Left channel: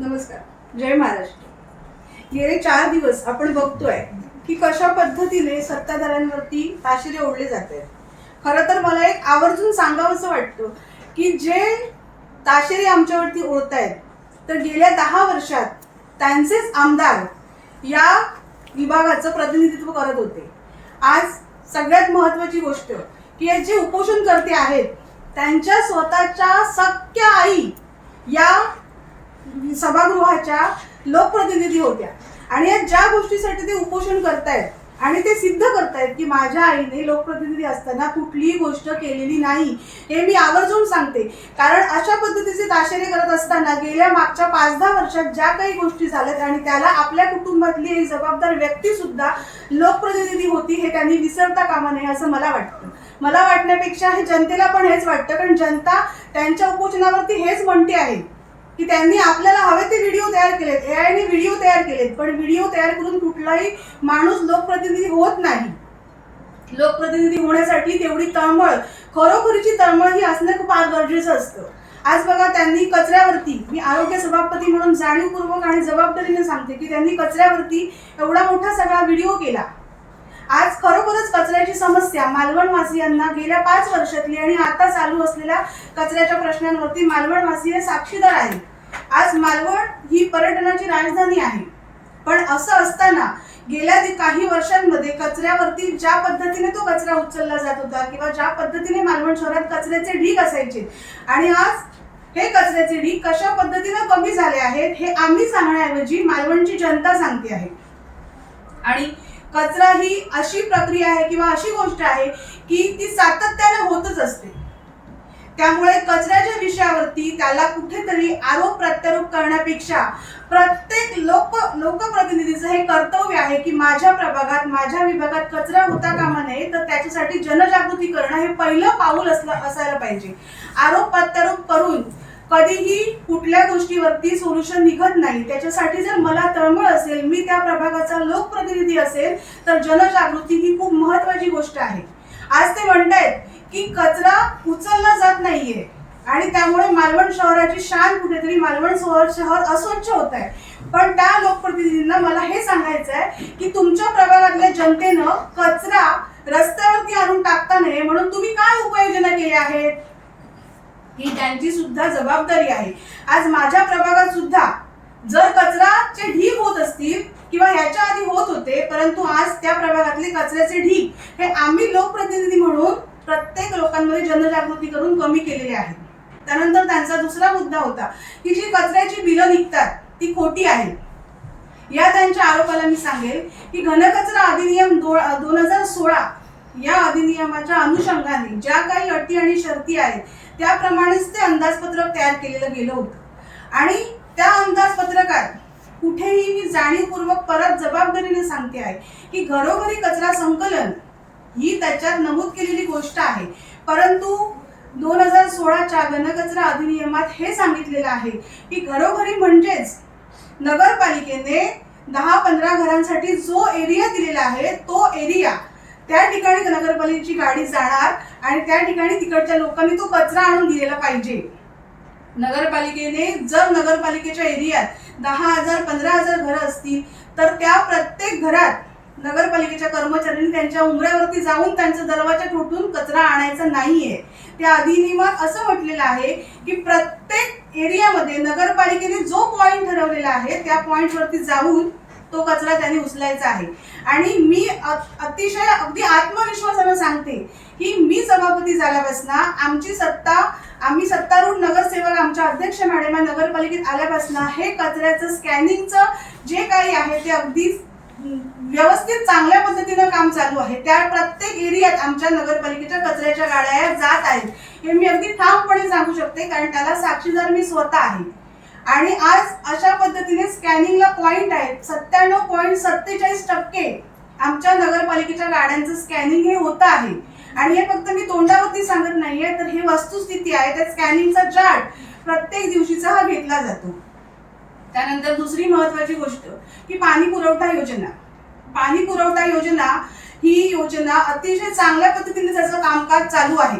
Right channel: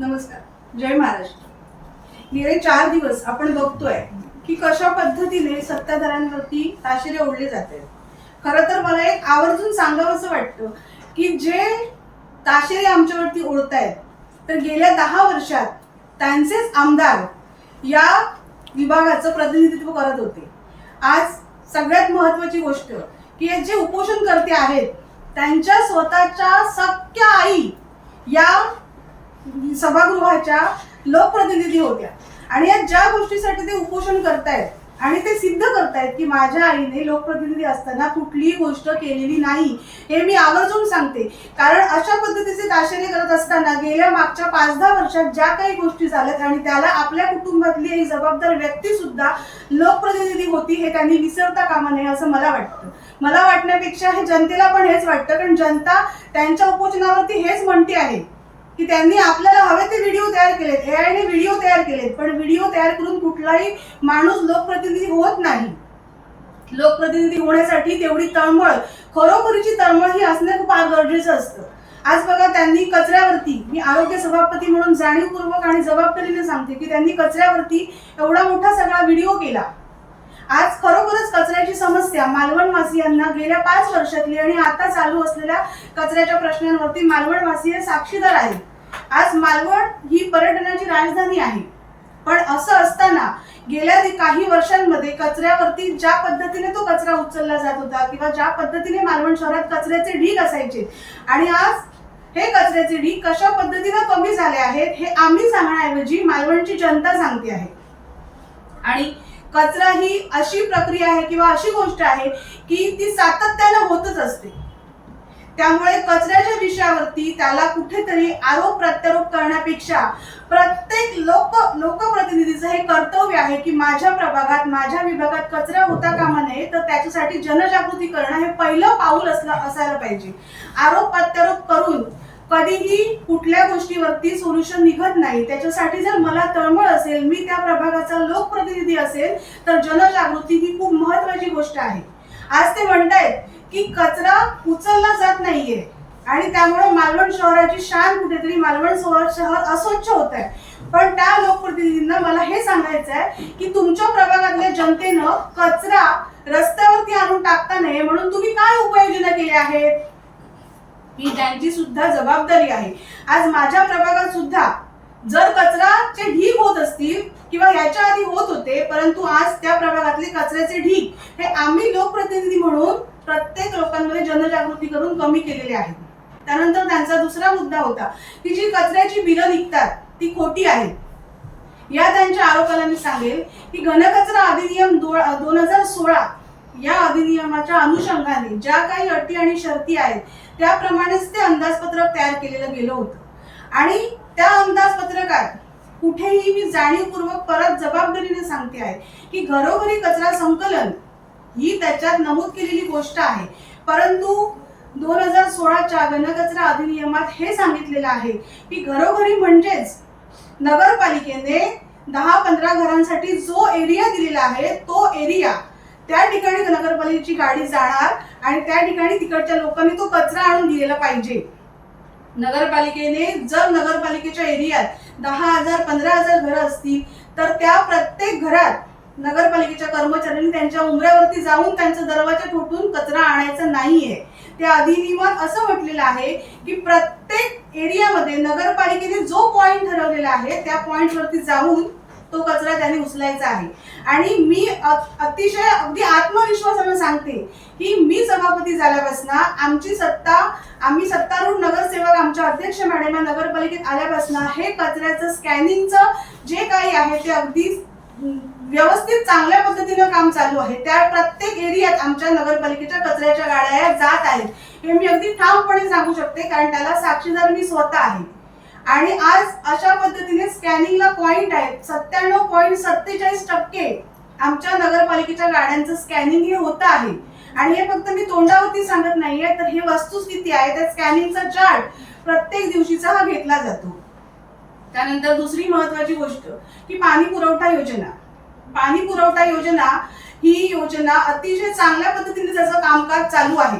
नमस्कार. जय महाराष्ट्र. गेले 4 दिवस आपण बघतोय की कशा पद्धतीने सत्ताधाऱ्यांवरती ताशेरे ओढले जात आहेत. खरं तर मला एक आवर्जून सांगावंसं वाटतं की जे ताशेरे आमच्यावरती ओढतायत तर गेल्या 10 वर्षात त्यांचेच आमदार या विभागाचं प्रतिनिधित्व करत होते. आज सगळ्यात महत्वाची गोष्ट की जे उपोषणकर्ते आहेत त्यांच्या स्वतःच्या सख्या आई या सभागृहाच्या लोकप्रतिनिधी होत्या आणि या ज्या गोष्टीसाठी ते उपोषण करतायत आणि ते सिद्ध करतायत की माझ्या आईने लोकप्रतिनिधी असताना कुठलीही गोष्ट केलेली नाही, हे मी आवर्जून सांगते. कारण अशा पद्धतीचे ताशेरे करत असताना गेल्या मागच्या 5-10 वर्षात ज्या काही गोष्टी झाल्यात आणि त्याला आपल्या कुटुंबातली एक जबाबदार व्यक्ती सुद्धा लोकप्रतिनिधी होती हे त्यांनी विसरता कामा नये असं मला वाटतं. मला वाटण्यापेक्षा हे जनतेला पण हेच वाटतं, कारण जनता त्यांच्या उपोषणावरती हेच म्हणते आहे की त्यांनी आपल्याला हवे ते व्हिडिओ तयार केलेत, एआयने व्हिडिओ तयार केलेत, पण व्हिडिओ तयार करून कुठलाही माणूस लोकप्रतिनिधी होत नाही. लोकप्रतिनिधी होण्यासाठी तेवढी तळमळ, खरोखरीची तळमळ ही असणं खूप गरजेचं असतं. आज बघा, त्यांनी कचऱ्यावरती, मी आरोग्य सभापती म्हणून जाणीवपूर्वक आणि जबाबदारीने सांगते की त्यांनी कचऱ्यावरती एवढा मोठा सगळा व्हिडिओ केला. आज खरोखरच कचऱ्याची समस्या मालवणवासियांना गेल्या 5 वर्षातली आणि आता चालू असलेल्या कचऱ्याच्या प्रश्नांवरती मालवणवासी हे साक्षीदार आहेत. आज मालवण ही पर्यटनाची राजधानी आहे, पण असं असताना गेल्या काही वर्षांमध्ये कचऱ्यावरती ज्या पद्धतीने तो कचरा उचलला जात होता किंवा ज्या पद्धतीने मालवण शहरात कचऱ्याचे ढीग असायचे आणि आज हे कचऱ्याचे ढीग कशा पद्धतीने कमी झाले आहेत हे आम्ही सांगण्याऐवजी मालवणची जनता सांगते आहे. आणि कचरा ही अशी प्रक्रिया आहे किंवा अशी गोष्ट आहे की ती सातत्याने होतच असते. त्यामुळे कचऱ्याच्या विषयावरती त्याला कुठेतरी आरोप प्रत्यारोप करण्यापेक्षा प्रत्येक लोकप्रतिनिधीचं हे कर्तव्य आहे की माझ्या प्रभागात, माझ्या विभागात कचरा होता कामा नये, तर त्याच्यासाठी जनजागृती करणं हे पहिलं पाऊल असायला पाहिजे. आरोप प्रत्यारोप करून कधीही कुठल्या गोष्टीवरती सोल्युशन निघत नाही. त्याच्यासाठी जर मला तळमळ असेल, मी त्या प्रभागाचा लोकप्रतिनिधी असेल, तर जनजागृती ही खूप महत्वाची गोष्ट आहे. आज ते म्हणतायत की कचरा उचलला जात नाहीये आणि त्यामुळे मालवण शहराची शान कुठेतरी, मालवण शहर अस्वच्छ होत आहे. पण त्या लोकप्रतिनिधींना मला हे सांगायचं आहे की तुमच्या प्रभागातल्या जनतेनं कचरा रस्त्यावरती आणून टाकता नये म्हणून तुम्ही काय उपाययोजना केल्या आहेत, ही त्यांची सुद्धा जबाबदारी आहे. आज माझ्या प्रभागात सुद्धा जर कचराचे ढीग होत असतील किंवा याच्या आधी होत होते, परंतु आज त्या प्रभागातले कचऱ्याचे ढीग हे आम्ही लोकप्रतिनिधी म्हणून प्रत्येक लोकांमध्ये जनजागृती करून कमी केलेले आहेत. त्यानंतर त्यांचा दुसरा मुद्दा होता की जी कचऱ्याची बिलं निघतात ती खोटी आहेत. या त्यांच्या आरोपाला मी सांगेल की घनकचरा अधिनियम 2016 या अधिनियमाच्या अनुषंगाने ज्या काही अटी आणि शर्ती आहेत त्याप्रमाणेच ते अंदाजपत्रक तयार केलेलं गेलं होतं आणि त्या अंदाजपत्रकात कुठेही मी जाणीवपूर्वक परत जबाबदारीने सांगते आहे की घरोघरी कचरा संकलन ही त्याच्यात नमूद केलेली गोष्ट आहे, परंतु 2016च्या घनकचरा अधिनियमात हे सांगितलेलं आहे की घरोघरी म्हणजेच नगरपालिकेने 10-15 घरांसाठी जो एरिया दिलेला आहे तो एरिया, त्या ठिकाणी नगरपालिकेची गाडी जाणार आणि त्या ठिकाणी तिकडच्या लोकांनी तो कचरा आणून दिलेला पाहिजे. नगरपालिकेने जर नगरपालिकेच्या एरियात 10,000-15,000 घरं असतील तर त्या प्रत्येक घरात नगरपालिकेच्या कर्मचाऱ्यांनी त्यांच्या उंबऱ्यावरती जाऊन त्यांचा दरवाजा ठोठून कचरा आणायचा नाहीये. त्या अधिनियमात असं म्हटलेलं आहे की प्रत्येक एरियामध्ये नगरपालिकेने जो पॉइंट ठरवलेला आहे त्या पॉइंटवरती जाऊन तो कचरा त्यांनी उचलायचा आहे. आणि मी अतिशय अगदी आत्मविश्वासाने सांगते की मी सभापती झाल्यापासून आम्ही सत्तारूढ नगरसेवक आमच्या अध्यक्ष मॅडम नगरपालिकेत आल्यापासून हे कचऱ्याचं स्कॅनिंगचं जे काही आहे ते अगदी व्यवस्थित चांगल्या पद्धतीनं काम चालू आहे. त्या प्रत्येक एरियात आमच्या नगरपालिकेच्या कचऱ्याच्या गाड्या जात आहेत हे मी अगदी ठामपणे सांगू शकते, कारण त्याला साक्षीदार मी स्वतः आहे. आणि आज अशा पद्धतीने स्कॅनिंगला पॉइंट आहेत. 97.47% आमच्या नगरपालिकेच्या गाड्यांचं स्कॅनिंग हे होतं आहे. आणि हे फक्त मी तोंडावरती सांगत नाहीये, तर हे वस्तुस्थिती आहे. त्या स्कॅनिंगचा चार्ट प्रत्येक दिवशीचा हा घेतला जातो. त्यानंतर दुसरी महत्वाची गोष्ट की पाणी पुरवठा योजना. पाणी पुरवठा योजना ही योजना अतिशय चांगल्या पद्धतीने त्याचं कामकाज चालू आहे.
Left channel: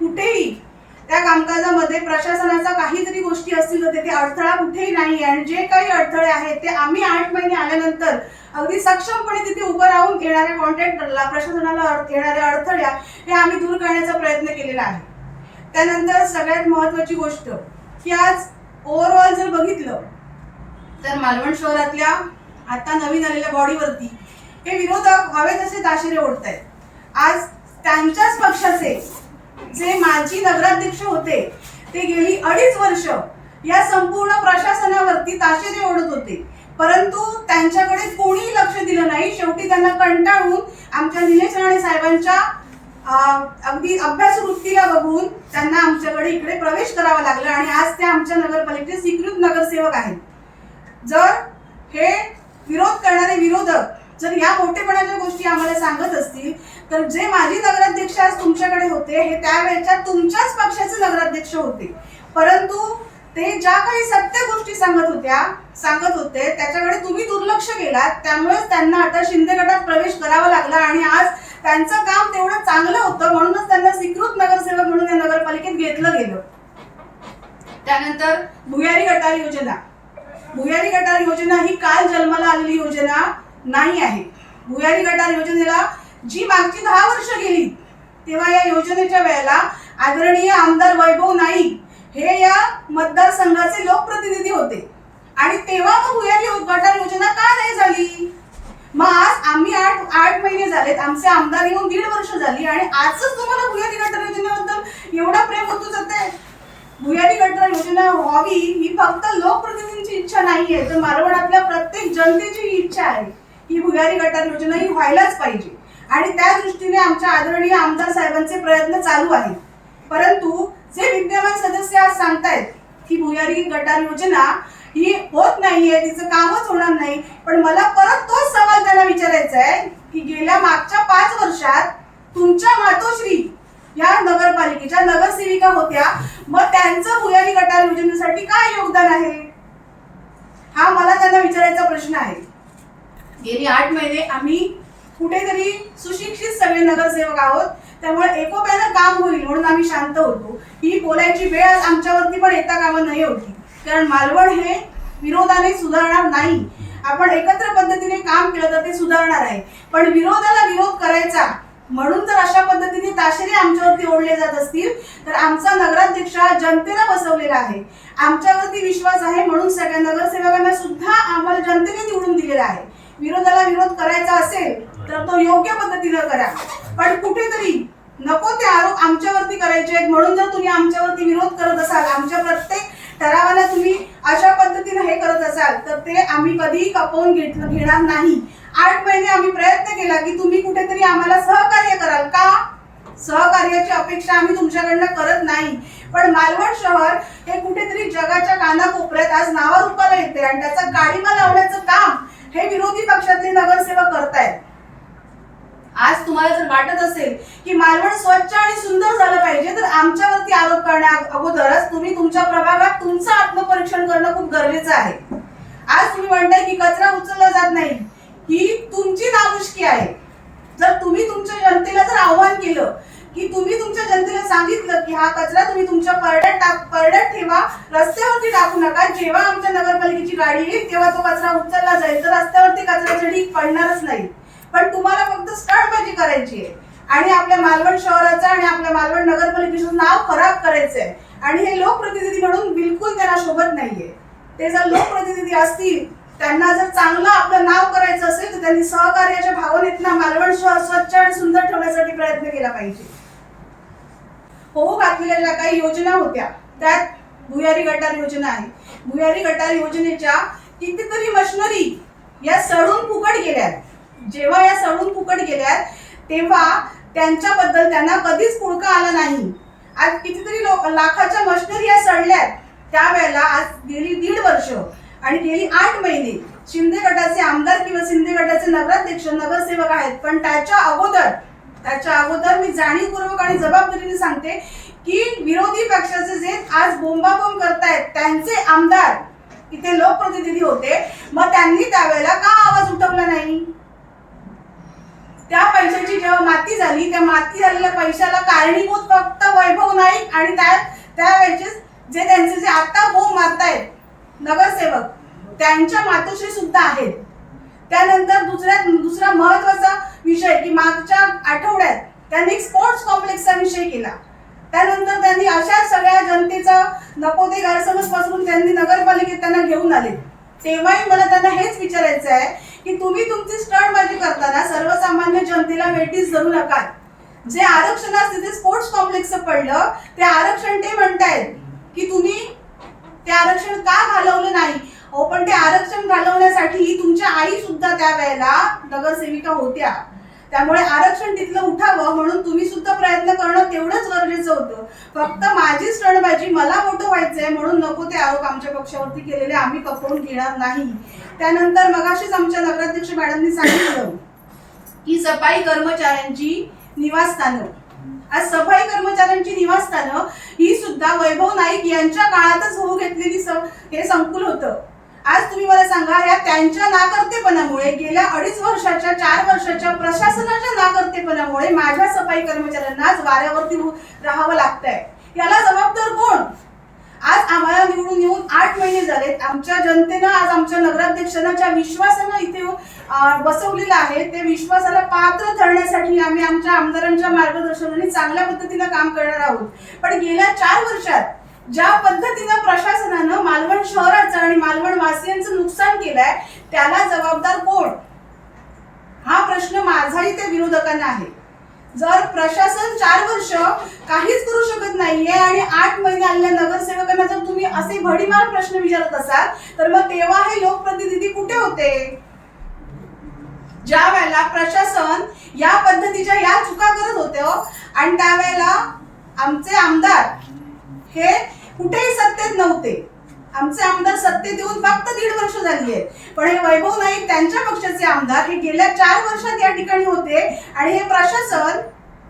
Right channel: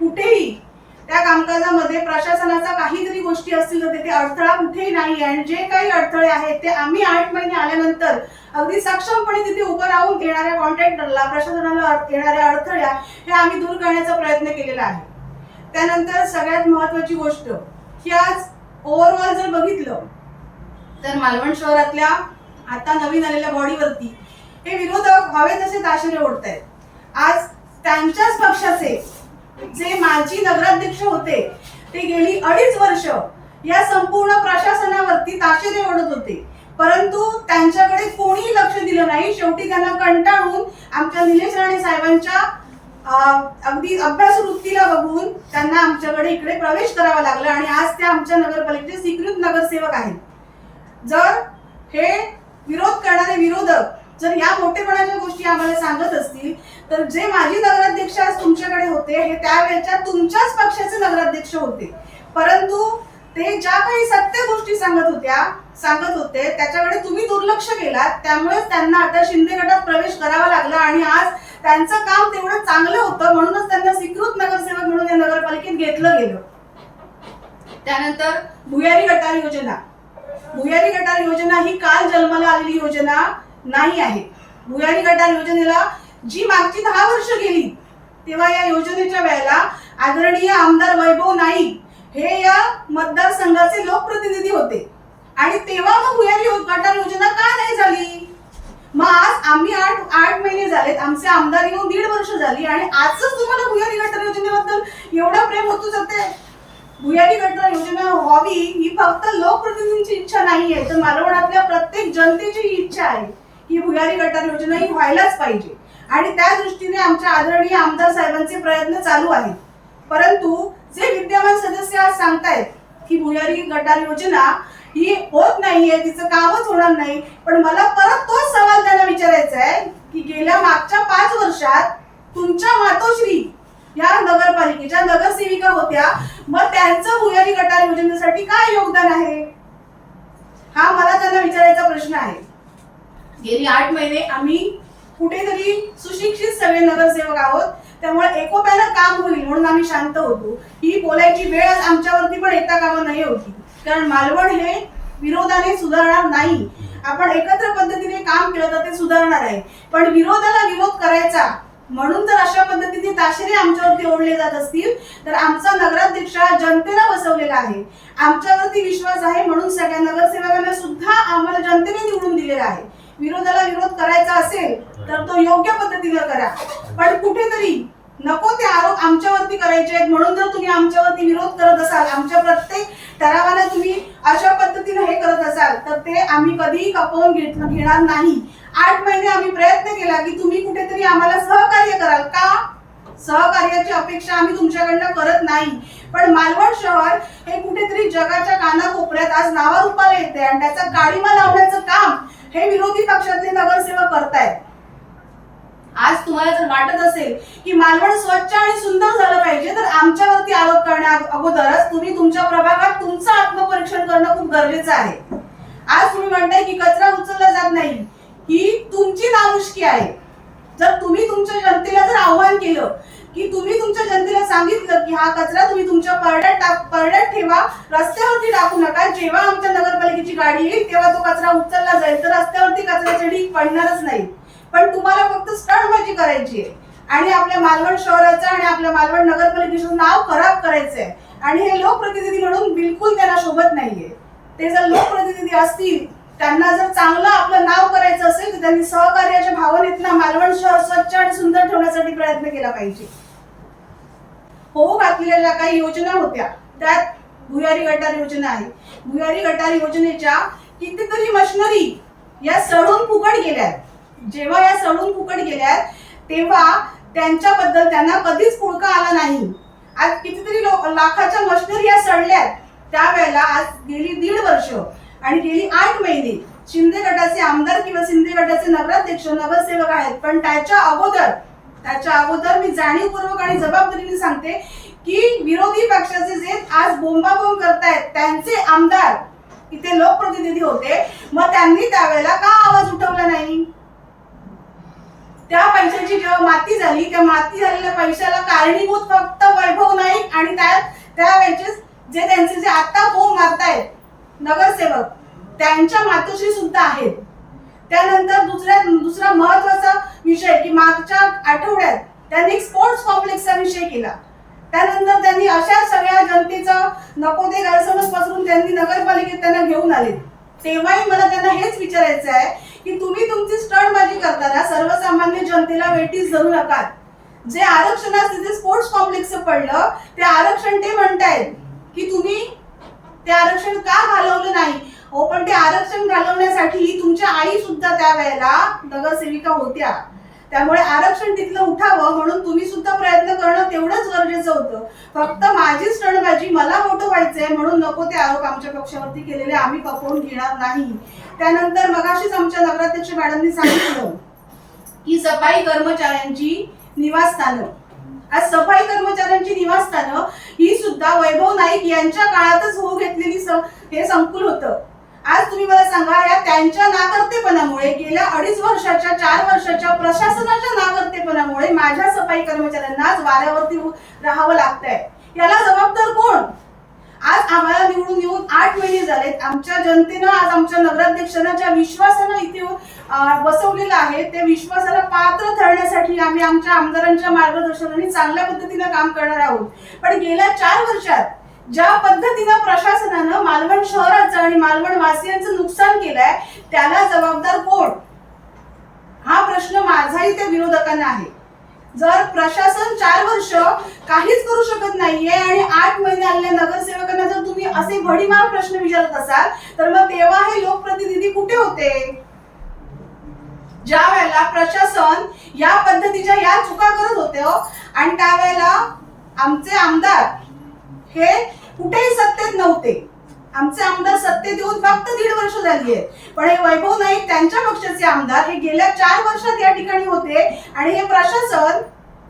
कुठेही त्या कामकाजामध्ये प्रशासनाचा काहीतरी गोष्टी असतील तर तिथे अडथळा कुठेही नाही, आणि जे काही अडथळे आहेत ते आम्ही 8 महिने आल्यानंतर अगदी सक्षमपणे तिथे उभं राहून येणाऱ्या कॉन्ट्रॅक्टरला, प्रशासनाला येणाऱ्या अडथळ्या हे आम्ही दूर करण्याचा प्रयत्न केलेला आहे. त्यानंतर सगळ्यात महत्वाची गोष्ट की आज ओव्हरऑल जर बघितलं तर मालवण शहरातल्या आता नवीन आलेल्या बॉडीवरती हे विरोधक हवे तसे ताशेरे ओढतायत. आज त्यांच्याच पक्षाचे जे माजी नगराध्यक्ष होते ते गेली 2.5 वर्ष या संपूर्ण प्रशासनावरती ताशेरे ओढत होते, परंतु त्यांच्याकडे कोणी लक्ष दिलं नाही. शेवटी त्यांना कंटाळून आमच्या निलेश राणे साहेबांच्या अगदी अभ्यास वृत्तीला बघून त्यांना आमच्याकडे इकडे प्रवेश करावा लागला आणि आज ते आमच्या नगरपालिकेचे स्वीकृत नगरसेवक आहेत. जर हे विरोध करणारे विरोधक जर या मोठेपणाच्या गोष्टी आम्हाला सांगत असतील तर जे माजी नगराध्यक्ष आज तुमच्याकडे होते हे त्यावेळेच्या तुमच्याच पक्षाचे नगराध्यक्ष होते, परंतु ते ज्या काही सत्य गोष्टी सांगत होते त्याच्याकडे तुम्ही दुर्लक्ष केलात. त्यामुळेच त्यांना आता शिंदे गटात प्रवेश करावा लागला आणि आज त्यांचं काम तेवढं चांगलं होतं म्हणूनच त्यांना स्वीकृत नगरसेवक म्हणून या नगरपालिकेत घेतलं गेलं. त्यानंतर भुयारी गटार योजना. भुयारी गटार योजना ही काल जन्माला आलेली योजना नाही आहे. भुयारी गटार योजनेला जी मागची 10 वर्ष गेली तेव्हा या योजनेच्या वेळेला आदरणीय आमदार वैभव नाईक हे या मतदारसंघाचे लोकप्रतिनिधी होते आणि तेव्हा मग भुयारी गटार योजना का नाही झाली? मग आज आम्ही 8 महिने झालेत, आमचे आमदार येऊन 1.5 वर्ष झाली आणि आजच तुम्हाला भुयारी गटार योजनेबद्दल एवढा प्रेम होतो जाते. भुयारी गटार योजना व्हावी ही फक्त लोकप्रतिनिधींची इच्छा नाहीये, तर मालवणातल्या प्रत्येक जनतेची इच्छा आहे की भुयारी गटार योजना ही व्हायलाच पाहिजे आणि त्या दृष्टीने आमच्या आदरणीय आमदार साहेबांचे प्रयत्न चालू आहेत. परंतु जे विद्यमान सदस्य आज सांगतायत की भुयारी गटार योजना ही होत नाहीये, तिचं कामच होणार नाही, पण मला परत तोच सवाल त्यांना विचारायचा आहे की गेल्या मागच्या 5 वर्षात तुमच्या मातोश्री या नगरपालिकेच्या नगरसेविका होत्या, मग त्यांचं भुयारी गटार योजनेसाठी काय योगदान आहे? हा मला त्यांना विचारायचा प्रश्न आहे. गेली 8 महिने आम्ही कुठेतरी सुशिक्षित सगळे नगरसेवक आहोत, त्यामुळे एकोप्यानं काम होईल म्हणून आम्ही शांत होतो. ही बोलायची वेळ आज आमच्यावरती पण येता कामा नाही होती, कारण मालवण हे विरोधाने सुधारणार नाही. आपण एकत्र पद्धतीने काम केलं तर ते सुधारणार आहे, पण विरोधाला विरोध करायचा म्हणून जर अशा पद्धतीने ताशेरे आमच्यावरती ओढले जात असतील तर आमचा नगराध्यक्ष जनतेने बसवलेला आहे, आमच्यावरती विश्वास आहे म्हणून सगळ्या नगरसेवकांना सुद्धा आम्हाला जनतेने निवडून दिलेला आहे. विरोधाला विरोध करायचा असेल तर तो योग्य पद्धतीने करा, पण कुठेतरी नको ते आरोप आमच्यावरती करायचे आहेत म्हणून जर तुम्ही आमच्यावरती विरोध करत असाल, आमच्या प्रत्येक ठरावाला तुम्ही अशा पद्धतीने हे करत असाल तर ते आम्ही कधीही खपवून घेणार नाही. 8 महिने आम्ही प्रयत्न केला की तुम्ही कुठेतरी आम्हाला सहकार्य कराल का? सहकार्याची अपेक्षा आम्ही तुमच्याकडनं करत नाही, पण मालवण शहर हे कुठेतरी जगाच्या कानाकोपऱ्यात आज नावारूपाला येते आणि त्याचा गाडीमा लावण्याचं काम हे विरोधी पक्षातले नगरसेवक करतायत. आज तुम्हाला जर वाटत असेल की मालवण स्वच्छ आणि सुंदर झालं पाहिजे तर आमच्यावरती आरोप करण्या अगोदरच तुम्ही तुमच्या प्रभागात तुमचं आत्मपरीक्षण करणं खूप गरजेचं आहे. आज तुम्ही म्हणताय की कचरा उचलला जात नाही, ही तुमची नामुष्की आहे. जर तुम्ही तुमच्या जनतेला जर आव्हान केलं की तुम्ही तुमच्या जनतेला सांगितलं की हा कचरा तुम्ही तुमच्या परड्यात ठेवा, रस्त्यावरती टाकू नका, जेव्हा आमच्या नगरपालिकेची गाडी येईल तेव्हा तो कचरा उचलला जाईल, तर रस्त्यावरती कचऱ्याचे ढीग पडणारच नाही. पण तुम्हाला फक्त स्टंटबाजी करायची आहे आणि आपल्या मालवण शहराचं आणि आपल्या मालवण नगरपालिकेचं नाव खराब करायचं आहे आणि हे लोकप्रतिनिधी म्हणून बिलकुल त्यांना शोभत नाहीये. ते जर लोकप्रतिनिधी असतील, त्यांना जर चांगलं आपलं नाव करायचं असेल तर त्यांनी सहकार्याच्या भावनेतनं मालवण शहर स्वच्छ आणि सुंदर ठेवण्यासाठी प्रयत्न केला पाहिजे. होऊ घातलेल्या ज्या काही योजना होत्या त्यात भुयारी गटार योजना आहे. भुयारी गटार योजनेच्या कितीतरी मशिनरी या सडून फुकट गेल्यात. जेव्हा या सडून फुकट गेल्यात तेव्हा त्यांच्याबद्दल त्यांना कधीच पुळका आला नाही. आज कितीतरी लाखाच्या मशिनरी या सडल्यात, त्यावेळेला आज गेली 1.5 वर्ष आणि गेली 8 महिने शिंदे गटाचे आमदार किंवा शिंदे गटाचे नगराध्यक्ष नगरसेवक आहेत, पण त्याच्या अगोदर मी जाणीवपूर्वक आणि जबाबदारीने सांगते की विरोधी पक्षाचे जे आज बोंबाबोंब करतायत त्यांचे आमदार इथे लोकप्रतिनिधी होते, मग त्यांनी त्यावेळेला का आवाज उठवला नाही? त्या पैशाची जेव्हा माती झाली, त्या माती झालेल्या पैशाला कारणीभूत फक्त वैभव नाईक आणि त्यावेळेचे जे त्यांचे जे आता बोंब मारतायत नगरसेवक त्यांच्या मातोश्री सुद्धा आहेत. त्यानंतर दुसरा महत्वाचा विषय की मागच्या आठवड्यात त्यांनी स्पोर्ट्स कॉम्प्लेक्सचा विषय केला. त्यानंतर त्यांनी अशा सगळ्या जनतेचा नको ते गैरसमज पासून त्यांनी नगरपालिकेत त्यांना घेऊन आले. तेव्हाही मला त्यांना हेच विचारायचं आहे की तुम्ही तुमची स्टंटबाजी करताना सर्वसामान्य जनतेला वेठीस धरू नका. जे आरक्षणास तिथे स्पोर्ट्स कॉम्प्लेक्सचं पडलं ते आरक्षण ते म्हणतायत की तुम्ही ते आरक्षण का घालवलं नाही. हो, पण ते आरक्षण घालवण्यासाठी तुमच्या आई सुद्धा त्यावेळेला नगरसेविका होत्या. त्यामुळे आरक्षण तिथलं उठावं म्हणून तुम्ही सुद्धा प्रयत्न करणं तेवढंच गरजेचं होतं. फक्त माझी स्टंटबाजी मला मोठं व्हायचंय म्हणून नको ते आरोप आमच्या पक्षावरती केलेले आम्ही खपवून घेणार नाही. त्यानंतर मगाशीच आमच्या नगराध्यक्ष मॅडमनी सांगितलं की सफाई कर्मचाऱ्यांची निवासस्थानं, आज सफाई कर्मचाऱ्यांची निवासस्थानं ही सुद्धा वैभव नाईक यांच्या काळातच होऊ घेतलेली हे संकुल होतं. आज तुम्ही मला सांगा, या त्यांच्या नाकर्तेपणामुळे गेल्या 2.5 वर्षाच्या 4 वर्षाच्या प्रशासनाच्या नाकर्तेपणामुळे माझ्या सफाई कर्मचाऱ्यांना आज वाऱ्यावरती राहावं लागतंय. याला जबाबदार कोण? आज आम्हाला निवडून येऊन 8 महिने झालेत. आमच्या जनतेनं आज आमच्या नगराध्यक्षांना ज्या विश्वासानं इथे बसवलेलं आहे त्या विश्वासाला पात्र ठरण्यासाठी आम्ही आमच्या आमदारांच्या मार्गदर्शनाने चांगल्या पद्धतीनं काम करणार आहोत. पण गेल्या 4 वर्षात ज्या पद्धतीनं प्रशासनानं मालवण शहराचं आणि मालवण वासियांचं नुकसान केलंय त्याला जबाबदार कोण? हा प्रश्न माझाही त्या विरोधकांना आहे. जर प्रशासन 4 वर्ष काहीच करू शकत नाहीये आणि 8 महिने आलेल्या नगरसेवकांना जर तुम्ही असे भडीमार प्रश्न विचारत असाल तर मग तेव्हा हे लोकप्रतिनिधी कुठे होते? ज्या वेळेला प्रशासन या पद्धतीच्या या चुका करत होते आणि त्यावेळेला आमचे आमदार हे कुठेही सत्तेत नव्हते. आमचे आमदार सत्तेत येऊन फक्त 1.5 वर्ष झाली आहे. पण हे वैभव नाईक त्यांच्या पक्षाचे आमदार हे गेल्या 4 वर्षात या ठिकाणी होते आणि हे प्रशासन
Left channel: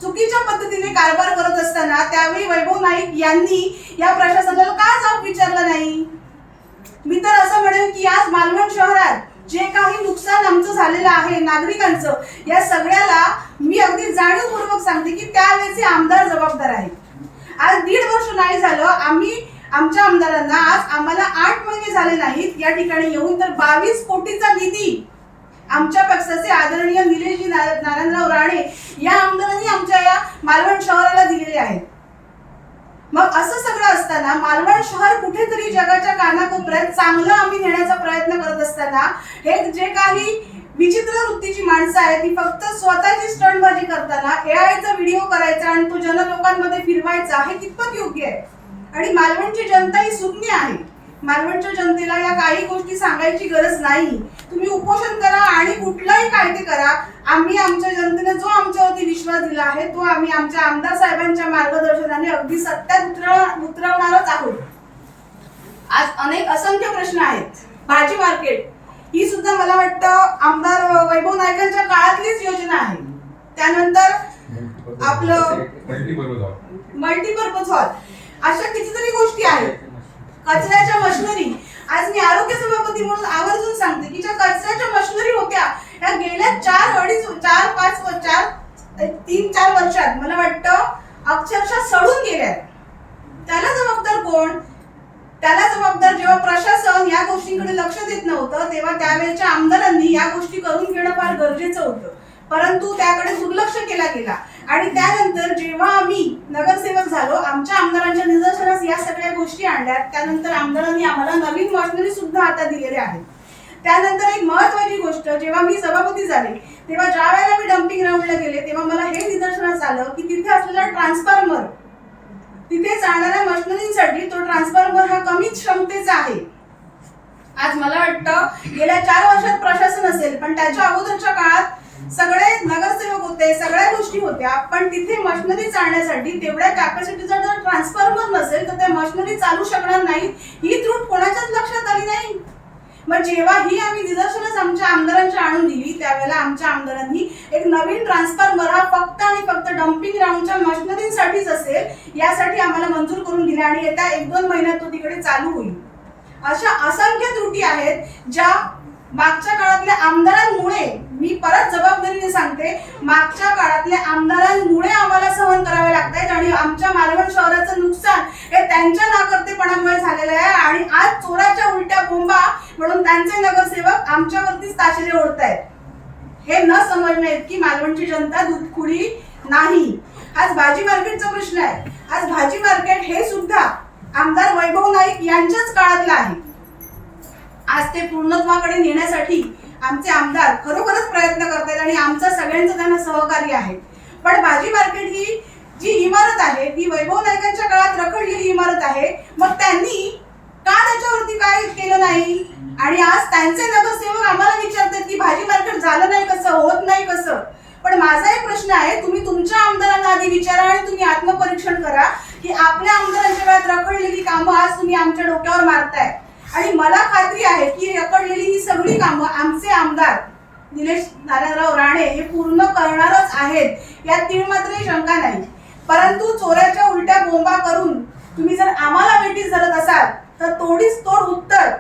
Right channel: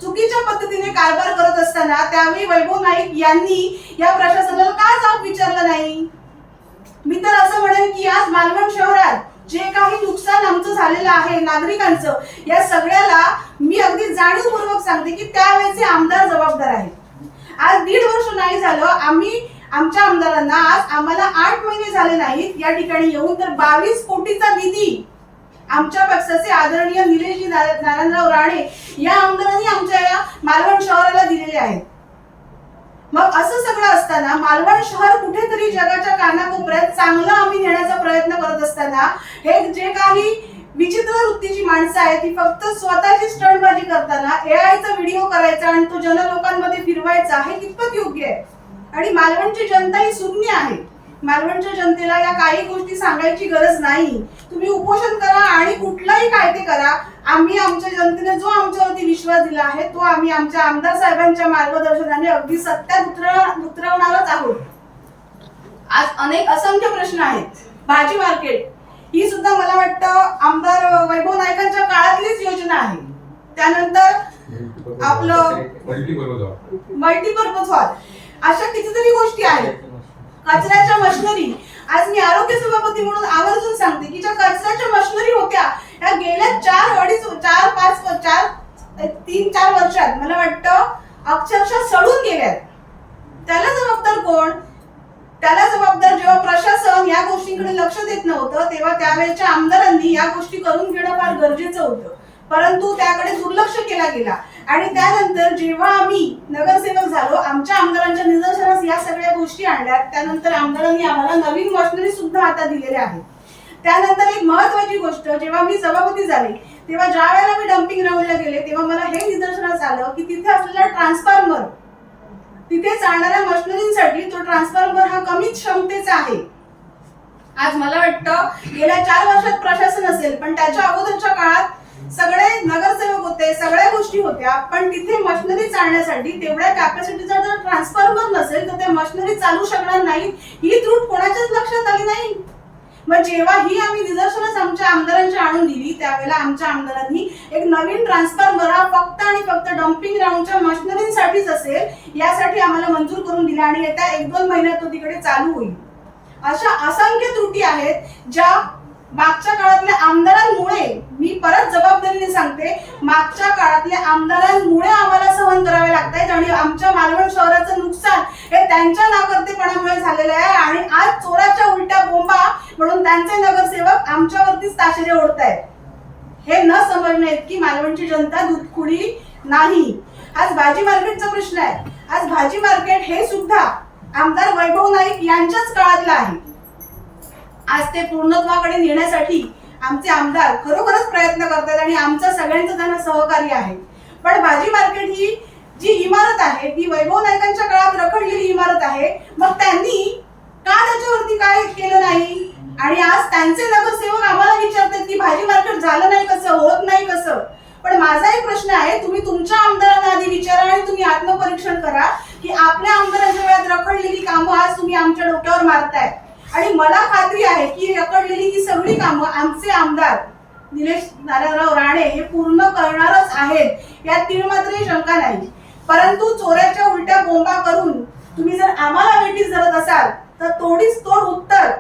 चुकीच्या पद्धतीने कारभार करत असताना त्यावेळी वैभव नाईक यांनी या प्रशासनाला का जाब विचारला नाही? मी तर असं म्हणेन की आज मालवण शहरात जे काही नुकसान आमचं झालेलं आहे नागरिकांचं, या सगळ्याला मी अगदी जाणीवपूर्वक सांगते की त्यावेळेचे आमदार जबाबदार आहेत. आज 1.5 वर्ष नाही झालं आम्ही आमच्या आमदारांना, आज आम्हाला 8 महिने झाले नाहीत या ठिकाणी येऊन तर 22 कोटीचा निधी आमच्या पक्षाचे आदरणीय निलेशजी नारायणराव राणे या आमदारांनी आमच्या या मालवण शहराला दिलेले आहेत. मग असं सगळं असताना मालवण शहर कुठेतरी जगाच्या कानाकोपऱ्यात चांगलं आम्ही नेण्याचा प्रयत्न करत असताना हे जे काही विचित्र वृत्तीची माणसं आहेत ती फक्त स्वतःची स्टंटबाजी करताना एआयचा व्हिडिओ करायचा आणि तो जनलोकांमध्ये फिरवायचा हे कितपत योग्य आहे? आणि मालवणची जनता ही सुज्ञ आहे. मालवणच्या जनतेला या काही गोष्टी सांगायची गरज नाही. तुम्ही उपोषण करा आणि कुठलाही कायदे करा. आम्ही आमच्या जनतेने जो आमच्यावरती विश्वास दिला आहे तो आम्ही आमच्या आमदार साहेबांच्या मार्गदर्शनाने अगदी सत्यात उतरवणारच आहोत. आज असंख्य प्रश्न आहेत. भाजी मार्केट ही सुद्धा मला वाटतं आमदार वैभव नाईकांच्या काळातलीच योजना आहे. त्यानंतर आपलं मल्टीपर्पज हॉल, अशा कितीतरी गोष्टी आहेत. कचऱ्याच्या मशिनरी, आज मी आरोग्य सभापती म्हणून आवर्जून सांगते की ज्या कचऱ्याच्या मशिनरी होत्या या गेल्या 3-4 वर्षात मला वाटतं अक्षरशः सडून गेल्यात. त्याला जबाबदार कोण? त्याला जबाबदार जेव्हा प्रशासन या गोष्टींकडे लक्ष देत नव्हतं तेव्हा त्यावेळेच्या आमदारांनी या गोष्टी करून घेणं फार गरजेचं होतं. परंतु त्याकडे दुर्लक्ष केला गेला आणि त्यानंतर जेव्हा आम्ही नगरसेवक झालो आमच्या आमदारांच्या निदर्शनास या सगळ्या गोष्टी आणल्या. त्यानंतर आमदारांनी आम्हाला नवीन मशिनरी सुद्धा आता दिलेल्या आहेत. त्यानंतर एक महत्त्वाची गोष्ट, जेव्हा मी सभापती झाले तेव्हा ज्या वेळेला मी डम्पिंग ग्राउंडला गेले तेव्हा मला हे निदर्शनास आलं की तिथे असलेला ट्रान्सफॉर्मर, तिथे चालणाऱ्या मशिनरींसाठी तो ट्रान्सफॉर्मर हा कमी क्षमतेचा आहे. आज मला वाटतं गेल्या 4 वर्षात प्रशासन असेल पण त्याच्या अगोदरच्या काळात सगळे नगरसेवक होते, सगळ्या गोष्टी होत्या, पण तिथे मशिनरी चालण्यासाठी तेवढ्या कॅपॅसिटीचा जर ट्रान्सफॉर्मर नसेल तर त्या मशिनरी चालू शकणार नाही. ही त्रुट कोणाच्याच लक्षात आली नाही. मग जेव्हा ही आम्ही निदर्शनच आमच्या आमदारांच्या आणून दिली त्यावेळेला आमच्या आमदारांनी एक नवीन ट्रान्सफॉर्मर हा फक्त आणि फक्त डम्पिंग ग्राउंडच्या मशिनरींसाठीच असेल यासाठी आम्हाला मंजूर करून दिला आणि येत्या 1-2 महिन्यात तो तिकडे चालू होईल. अशा असंख्य त्रुटी आहेत ज्या मागच्या काळातल्या आमदारांमुळे, मी परत जबाबदारीने सांगते, मागच्या काळातल्या आमदारांमुळे आम्हाला सहन करावे लागतायत आणि आमच्या मालवण शहराचं नुकसान हे त्यांच्या नाकर्तेपणामुळे झालेलं आहे. आणि आज चोराच्या उलट्या बोंबा म्हणून त्यांचे नगरसेवक आमच्यावरतीच ताशेरे ओढतायत. हे न समजणे इतकी मालवणची जनता दूधखुळी नाही. आज भाजी मार्केटचा प्रश्न आहे. आज भाजी मार्केट हे सुद्धा आमदार वैभव नाईक यांच्याच काळातलं आहे. आज ते पूर्णत्वाकडे नेण्यासाठी आमचे आमदार खरोखरच प्रयत्न करतात आणि आमचा सगळ्यांचं त्यांना सहकार्य आहे. पण भाजी मार्केट ही जी इमारत आहे ती वैभव नाईकांच्या काळात रखडलेली इमारत आहे. मग त्यांनी का त्याच्यावरती काय केलं नाही? आणि आज त्यांचे नगरसेवक आम्हाला विचारतात की भाजी मार्केट झालं नाही कसं, होत नाही कसं. पण माझा एक प्रश्न आहे, तुम्ही तुमच्या आमदारांना आधी विचारा आणि तुम्ही आत्मपरीक्षण करा की आपल्या आमदारांच्या वेळात रखडलेली कामं आज तुम्ही आमच्या डोक्यावर मारताय. आणि मला खात्री आहे की रखडलेली ही सगळी कामं आमचे आमदार निलेश नारायणराव राणे हे पूर्ण करणारच आहेत, यात तीळ मात्रही शंका नाही. परंतु चोऱ्याच्या उलट्या बोंबा करून तुम्ही जर आम्हाला वेठीस धरत असाल तर तोडीस तोड उत्तर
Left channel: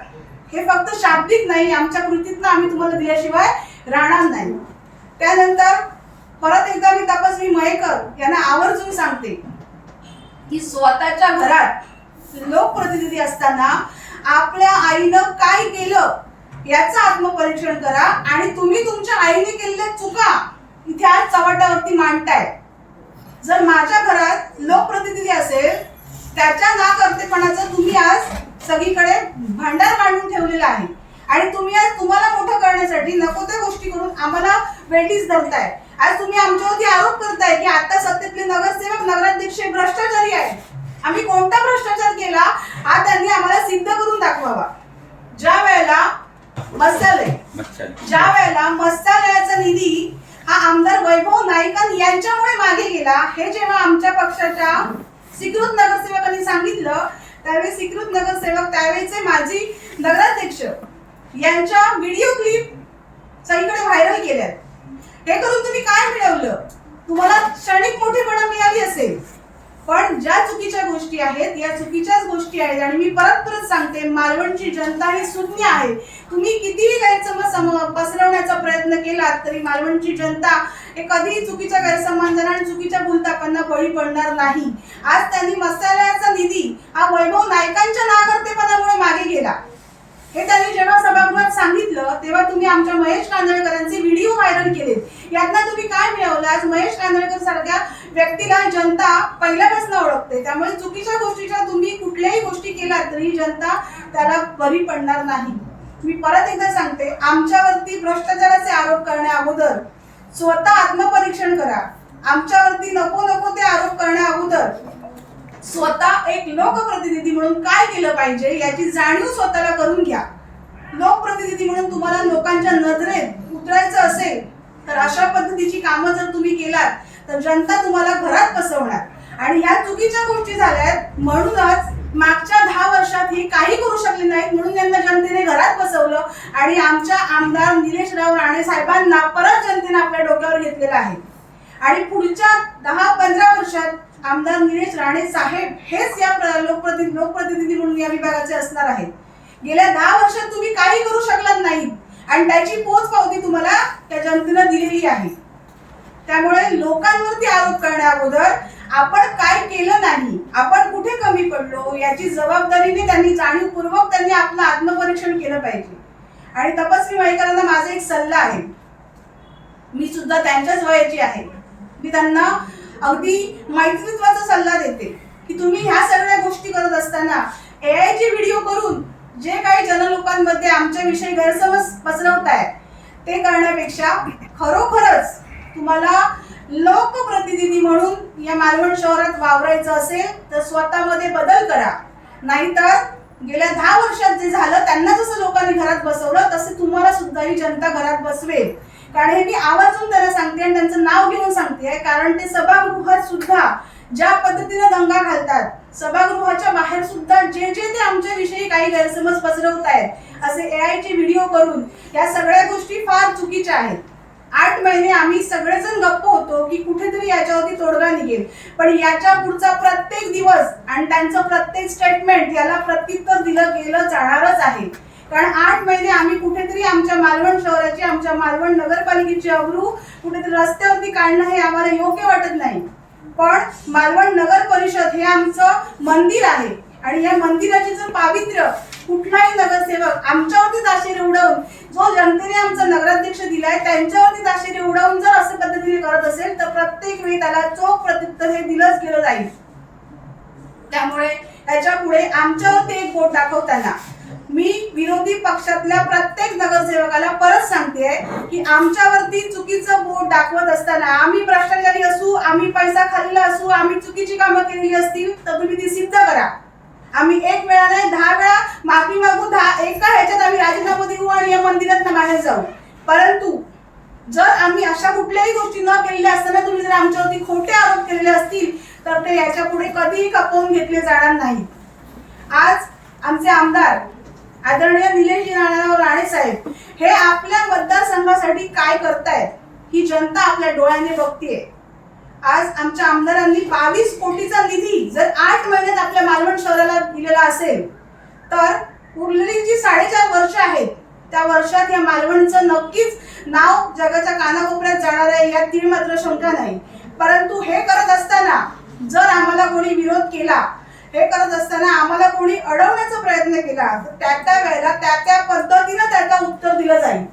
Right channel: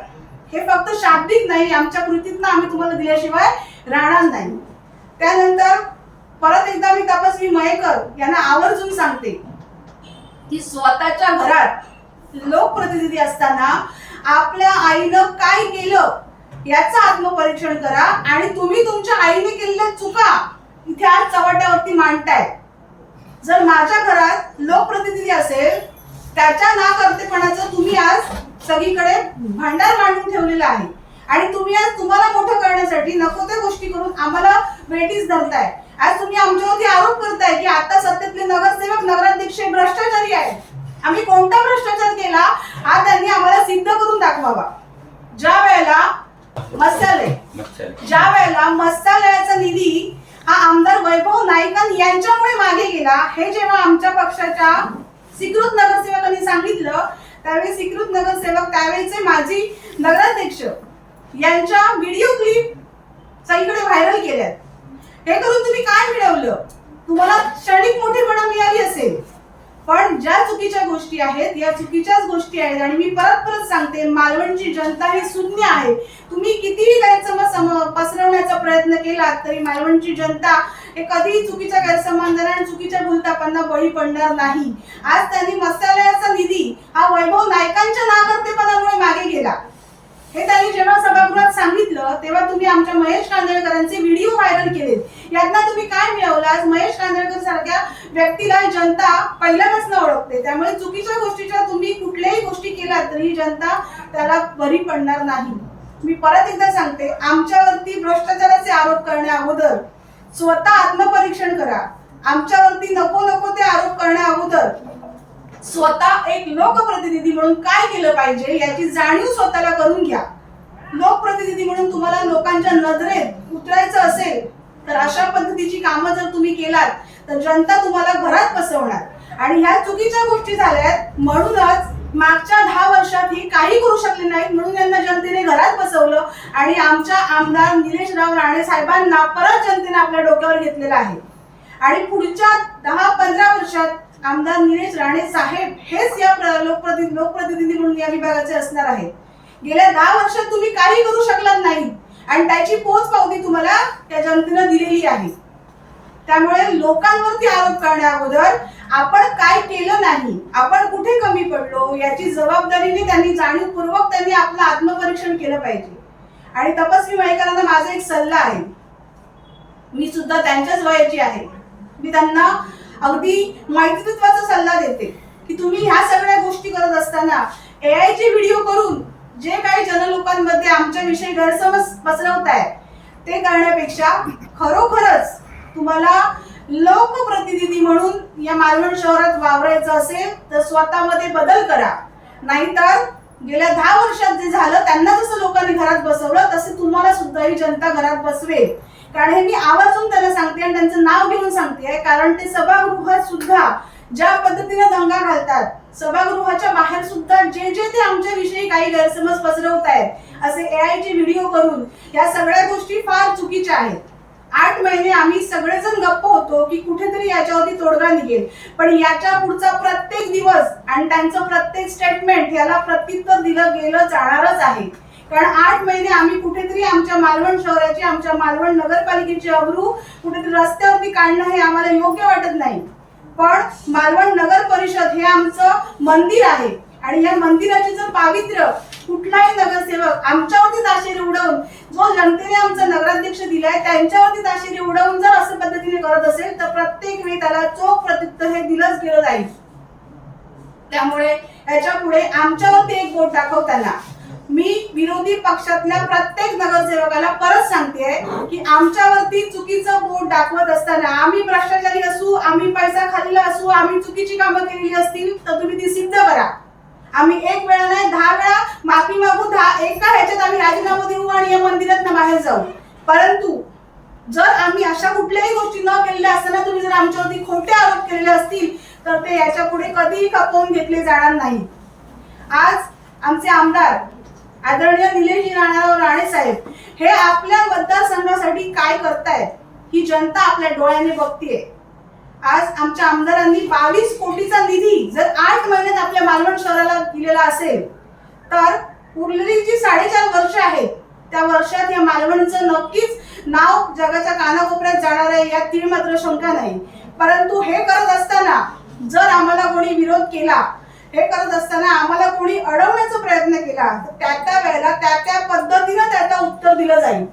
हे फक्त शाब्दिक नाही, आमच्या कृतीतनं आम्ही तुम्हाला दिल्याशिवाय राहणार नाही. त्यानंतर परत एकदा मी तपस्वी मयेकर यांना आवर्जून सांगते की स्वतःच्या घरात लोकप्रतिनिधी असताना आपल्या आईनं काय केलं याचं आत्मपरीक्षण करा आणि तुम्ही तुमच्या आईने केलेल्या चुका इथे आज चव्हाट्यावरती मांडताय. जर माझ्या घरात लोकप्रतिनिधी असेल त्याच्या नाकर्तेपणाचं तुम्ही आज सगळीकडे भांडार मांडून ठेवलेलं आहे आणि तुम्ही आज तुम्हाला मोठं करण्यासाठी नको त्या गोष्टी करून आम्हाला वेठीस धरताय. आज तुम्ही आमच्यावरती आरोप करताय की आता सत्तेतले नगरसेवक नगराध्यक्ष भ्रष्टाचारी आहेत. आम्ही कोणता भ्रष्टाचार केला हा त्यांनी आम्हाला सिद्ध करून दाखवावा. ज्या वेळेला मत्स्यालयाचा निधी हा आमदार वैभव नाईकां यांच्यामुळे मागे गेला हे जेव्हा आमच्या पक्षाच्या स्वीकृत नगरसेवकांनी सांगितलं त्यावेळी स्वीकृत नगरसेवक त्यावेळेचे माजी नगराध्यक्ष यांच्या व्हिडिओ क्लिप सगळीकडे व्हायरल केल्यात. हे करून तुम्ही काय मिळवलं? तुम्हाला क्षणिक मोठेपणा मिळाली असेल, पण ज्या चुकीच्या गोष्टी आहेत या चुकीच्याच गोष्टी आहेत. आणि मी परत सांगते, मालवणची जनता ही शून्य आहे. तुम्ही कितीही गैरसमज पसरवण्याचा प्रयत्न केला तरी मालवणची जनता हे कधीही चुकीच्या गैरसमजांना आणि चुकीच्या भूलथापांना बळी पडणार नाही. आज त्यांनी मत्स्यालयाचा निधी हा वैभव नाईकांच्या नाकर्तेपणामुळे मागे गेला हे त्यांनी जेव्हा सभागृहात सांगितलं तेव्हा तुम्ही आमच्या महेश कांदळकरांचे व्हिडिओ व्हायरल केलेत. यातनं तुम्ही काय मिळवलं? आज महेश कांदळकर सारख्या व्यक्तीला जनता पहिल्यापासून ओळखते. त्यामुळे चुकीच्या गोष्टीच्या तुम्ही कुठल्याही गोष्टी केल्या तरी जनता त्याला बरी पडणार नाही. मी परत एकदा सांगते, आमच्यावरती भ्रष्टाचाराचे आरोप करण्या अगोदर स्वतः आत्मपरीक्षण करा. आमच्यावरती नको ते आरोप करण्या अगोदर स्वतः एक लोकप्रतिनिधी म्हणून काय केलं पाहिजे याची जाणीव स्वतःला करून घ्या. लोकप्रतिनिधी म्हणून तुम्हाला लोकांच्या नजरेत उतरायचं असेल तर अशा पद्धतीची कामं जर तुम्ही केलात तर जनता तुम्हाला घरात बसवणार आणि ह्या चुकीच्या गोष्टी झाल्यात. म्हणूनच मागच्या 10 वर्षात ही काही करू शकले नाहीत म्हणून यांना जनतेने घरात बसवलं आणि आमच्या आमदार निलेशराव राणे साहेबांना परत जनतेने आपल्या डोक्यावर घेतलेलं आहे. आणि पुढच्या 10-15 वर्षात आमदार निलेश राणे साहेब हेच या लोकप्रतिनिधी म्हणून या विभागाचे असणार आहेत. गेल्या 10 वर्षात तुम्ही काही करू शकलात नाही आणि त्याची पोचपावती तुम्हाला त्या जनतेने दिलेली आहे. त्यामुळे लोकांवरती आरोप करण्या अगोदर आपण काय केलं नाही, आपण कुठे कमी पडलो याची जबाबदारीने त्यांनी जाणीवपूर्वक त्यांनी आपलं आत्मपरीक्षण केलं पाहिजे. आणि तपस्वी मयेकरांना माझा एक सल्ला आहे, मी सुद्धा त्यांच्याच वयाची आहे. मी त्यांना अगदी मैत्रीत्वाचा सल्ला देते की तुम्ही ह्या सगळ्या गोष्टी करत असताना AI चे व्हिडिओ करून जे काही जनलोकांमध्ये आमच्याविषयी गैरसमज पसरवताय ते करण्यापेक्षा खरोखरच तुम्हाला लोकप्रतिनिधी म्हणून या मालवण शहरात वावरायचं असेल तर स्वतःमध्ये बदल करा. नाहीतर गेल्या 10 वर्षात जे झालं त्यांना जसं लोकांनी घरात बसवलं तसे तुम्हाला सुद्धा ही जनता घरात बसवेल. कारण हे मी आवर्जून त्यांना सांगते आणि त्यांचं नाव घेऊन सांगते, कारण ते सभागृहात सुद्धा ज्या पद्धतीने दंगा घालतात, सभागृहाच्या बाहेर सुद्धा जे ते आमच्याविषयी काही गैरसमज पसरवत आहेत असे AI चे व्हिडिओ करून या सगळ्या गोष्टी फार चुकीच्या आहेत. 8 महिने आम्ही सगळेजण गप्प होतो की कुठेतरी याच्यावरती तोडगा निघेल, पण याच्या पुढचा प्रत्येक दिवस आणि त्यांचं प्रत्येक स्टेटमेंट याला प्रत्युत्तर दिलं गेलं जाणारच आहे. कारण 8 महिने आम्ही कुठेतरी आमच्या मालवण शहराची, आमच्या मालवण नगरपालिकेची अब्रू कुठेतरी रस्त्यावरती काढणं हे आम्हाला योग्य वाटत नाही. पण मालवण नगर परिषद हे आमचं मंदिर आहे आणि या मंदिराची जर पावित्र्य कुठलाही नगरसेवक आमच्यावरती ताशेरे उडवून, जो जनतेने आमचा नगराध्यक्ष दिलाय त्यांच्यावरती ताशेरे उडवून जर अशा पद्धतीने करत असेल तर प्रत्येक वेळी त्याला चोख प्रत्युत्तर हे दिलंच गेलं जाईल. त्यामुळे याच्या पुढे आमच्यावरती एक बोट दाखवताना मी विरोधी पक्षातल्या प्रत्येक नगरसेवकाला परत सांगते की आमच्यावरती चुकीचं बोट दाखवत असताना, आम्ही भ्रष्टाचारी असू, आम्ही पैसा खाल्लेला असू, आम्ही चुकीची कामं केलेली असतील तर तुम्ही ती सिद्ध करा. आम्ही 1 वेळा नाही 10 वेळा माफी मागू, एका ह्याच्यात आम्ही राजीनामा देऊ आणि या मंदिरात बाहेर जाऊ. परंतु जर आम्ही अशा कुठल्याही गोष्टी न केलेल्या असताना तुम्ही जर आमच्यावरती खोटे आरोप केलेले असतील तर ते याच्या पुढे कधीही खपवून घेतले जाणार नाही. आज आमचे आमदार आदरणीय निलेश राणे साहेब हे आपल्या मतदारसंघासाठी काय करतायत ही जनता आपल्या डोळ्याने बघतीये. आज आमच्या आमदारांनी 22 कोटीचा निधी जर 8 महिन्यात आपल्या मालवण शहराला दिलेला असेल तर उरलेली जी 4.5 वर्ष आहेत त्या वर्षात या मालवणचं नक्कीच नाव जगाच्या कानाकोपऱ्यात जाणार आहे, यात तीळ मात्र शंका नाही. परंतु हे करत असताना जर आम्हाला कोणी विरोध केला, हे करत असताना आम्हाला कोणी अडवण्याचा प्रयत्न केला तर त्या वेळेला त्या पद्धतीने त्याचं उत्तर दिलं जाईल.